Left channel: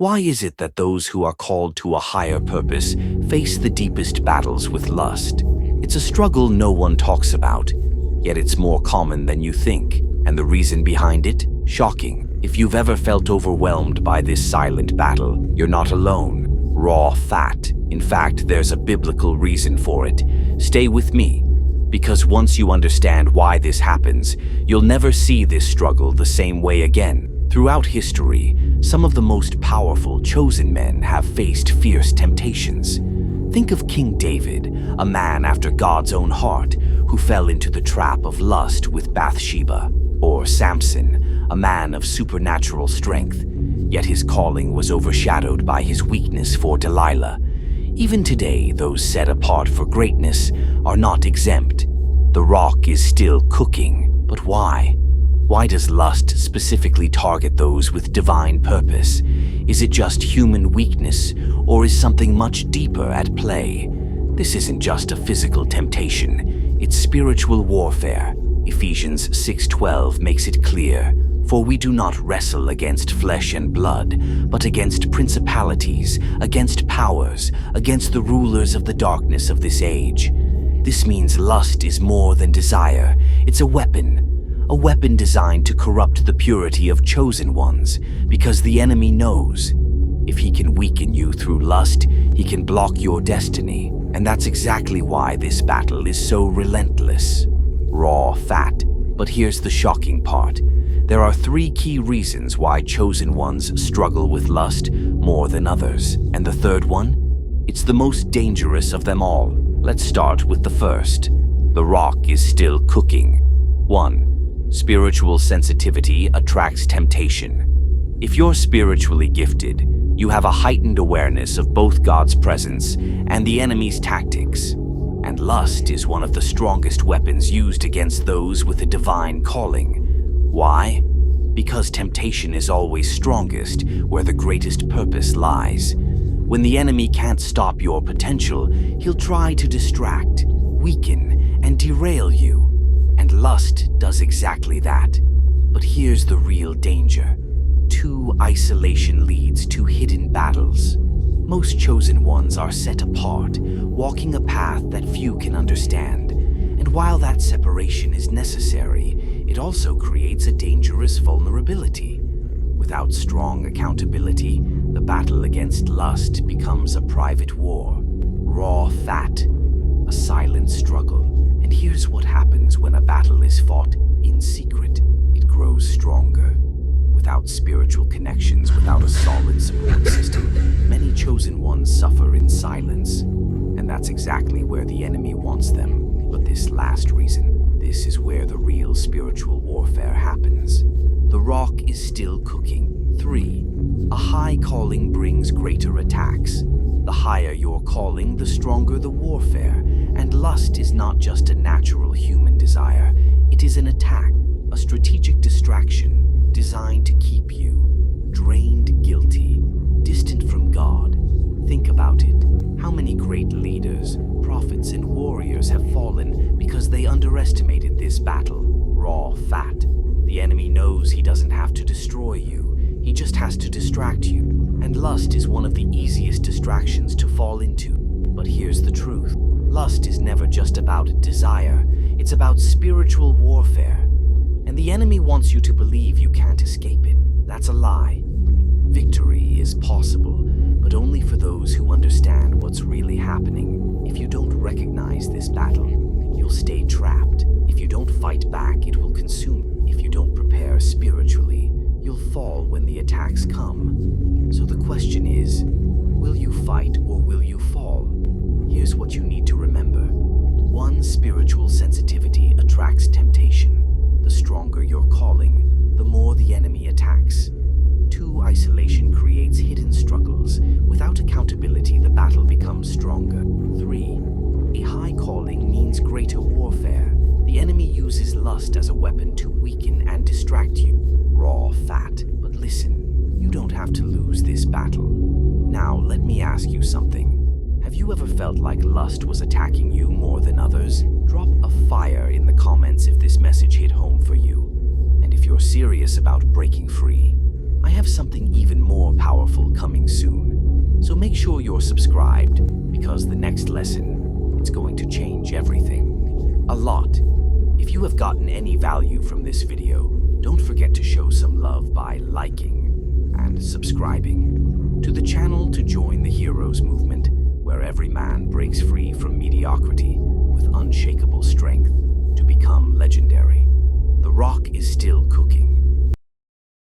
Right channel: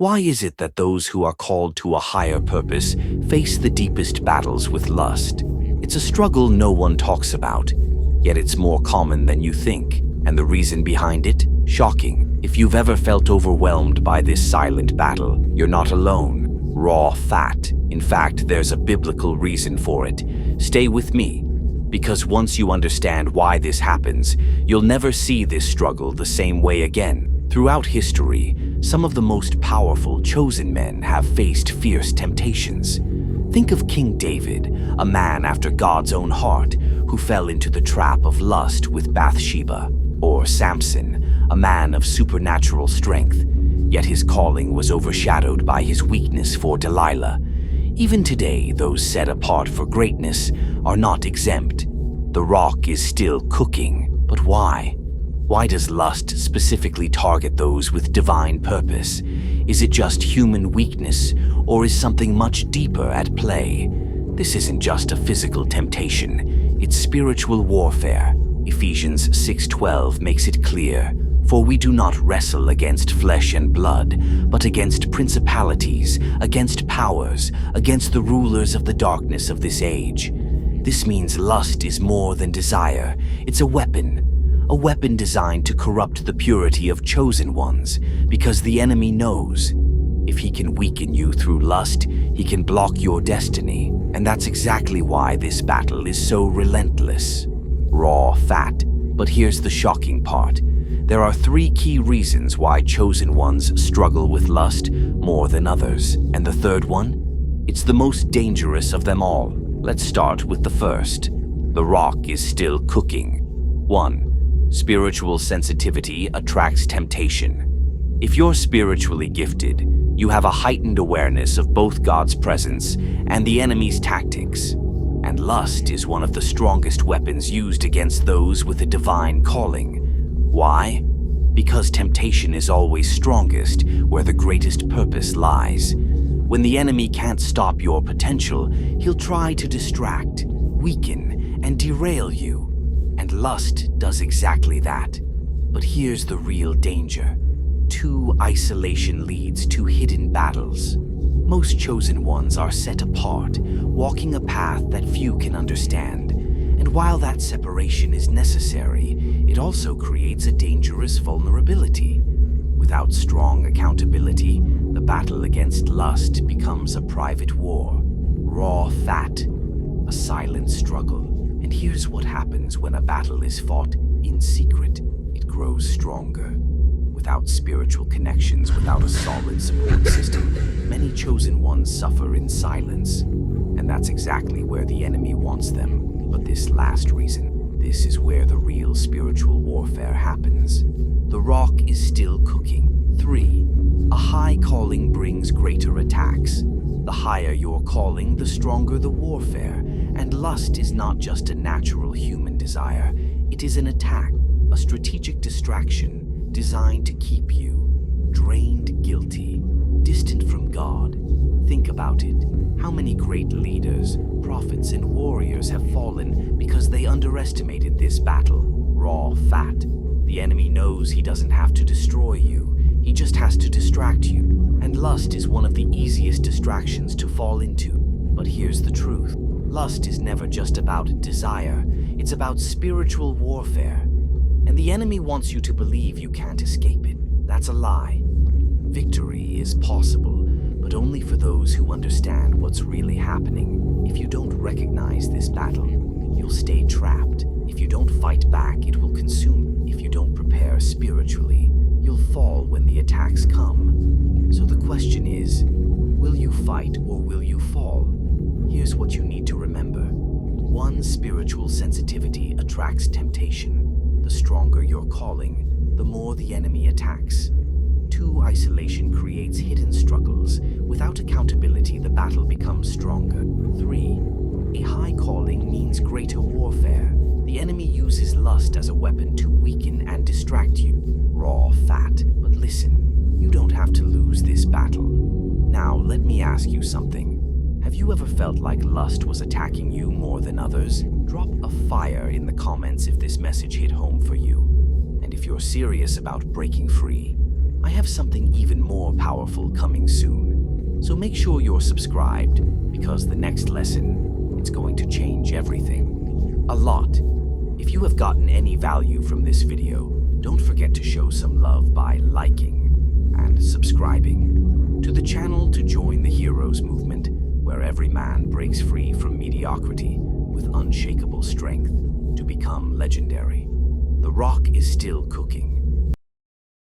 Why is it that those who are called to a higher purpose face the deepest battles with lust? It's a struggle no one talks about, yet it's more common than you think. And the reason behind it? Shocking. If you've ever felt overwhelmed by this silent battle, you're not alone. Raw fat. In fact, there's a biblical reason for it. Stay with me, because once you understand why this happens, you'll never see this struggle the same way again. Throughout history, some of the most powerful chosen men have faced fierce temptations. Think of King David, a man after God's own heart, who fell into the trap of lust with Bathsheba. Or Samson, a man of supernatural strength, yet his calling was overshadowed by his weakness for Delilah. Even today, those set apart for greatness are not exempt. The rock is still cooking, but why? Why does lust specifically target those with divine purpose? Is it just human weakness, or is something much deeper at play? This isn't just a physical temptation, it's spiritual warfare. Ephesians 6:12 makes it clear, "For we do not wrestle against flesh and blood, but against principalities, against powers, against the rulers of the darkness of this age." This means lust is more than desire, it's a weapon designed to corrupt the purity of chosen ones, because the enemy knows if he can weaken you through lust, he can block your destiny. And that's exactly why this battle is so relentless. Raw fat. But here's the shocking part. There are 3 key reasons why chosen ones struggle with lust more than others. And the third one? It's the most dangerous of them all. Let's start with the first. The rock is still cooking. 1. Spiritual sensitivity attracts temptation. If you're spiritually gifted, you have a heightened awareness of both God's presence and the enemy's tactics. And lust is one of the strongest weapons used against those with a divine calling. Why? Because temptation is always strongest where the greatest purpose lies. When the enemy can't stop your potential, he'll try to distract, weaken, and derail you. And lust does exactly that. But here's the real danger. Isolation leads to hidden battles. Most chosen ones are set apart, walking a path that few can understand. And while that separation is necessary, it also creates a dangerous vulnerability. Without strong accountability, the battle against lust becomes a private war. Raw fat, a silent struggle. And here's what happens when a battle is fought in secret. It grows stronger. Without spiritual connections, without a solid support system, many chosen ones suffer in silence. And that's exactly where the enemy wants them. But this last reason, this is where the real spiritual warfare happens. The rock is still cooking. 3. A high calling brings greater attacks. The higher your calling, the stronger the warfare. And lust is not just a natural human desire. It is an attack, a strategic distraction designed to keep you drained, guilty, distant from God. Think about it. How many great leaders, prophets, and warriors have fallen because they underestimated this battle? Raw fat. The enemy knows he doesn't have to destroy you. He just has to distract you. And lust is one of the easiest distractions to fall into. But here's the truth. Lust is never just about desire. It's about spiritual warfare. And the enemy wants you to believe you can't escape it. That's a lie. Victory is possible, but only for those who understand what's really happening. If you don't recognize this battle, you'll stay trapped. If you don't fight back, it will consume you. If you don't prepare spiritually, you'll fall when the attacks come. So the question is, will you fight or will you fall? Here's what you need to remember. 1. Spiritual sensitivity attracts temptation. The stronger your calling, the more the enemy attacks. 2. Isolation creates hidden struggles. Without accountability, the battle becomes stronger. 3. A high calling means greater warfare. The enemy uses lust as a weapon to weaken and distract you. Raw fat. But listen, you don't have to lose this battle. Now, let me ask you something. Have you ever felt like lust was attacking you more than others? Drop a fire in the comments if this message hit home for you. And if you're serious about breaking free, I have something even more powerful coming soon. So make sure you're subscribed, because the next lesson, it's going to change everything. A lot. If you have gotten any value from this video, don't forget to show some love by liking and subscribing to the channel to join the Heroes movement, where every man breaks free from mediocrity with unshakable strength to become legendary. The Rock is still cooking.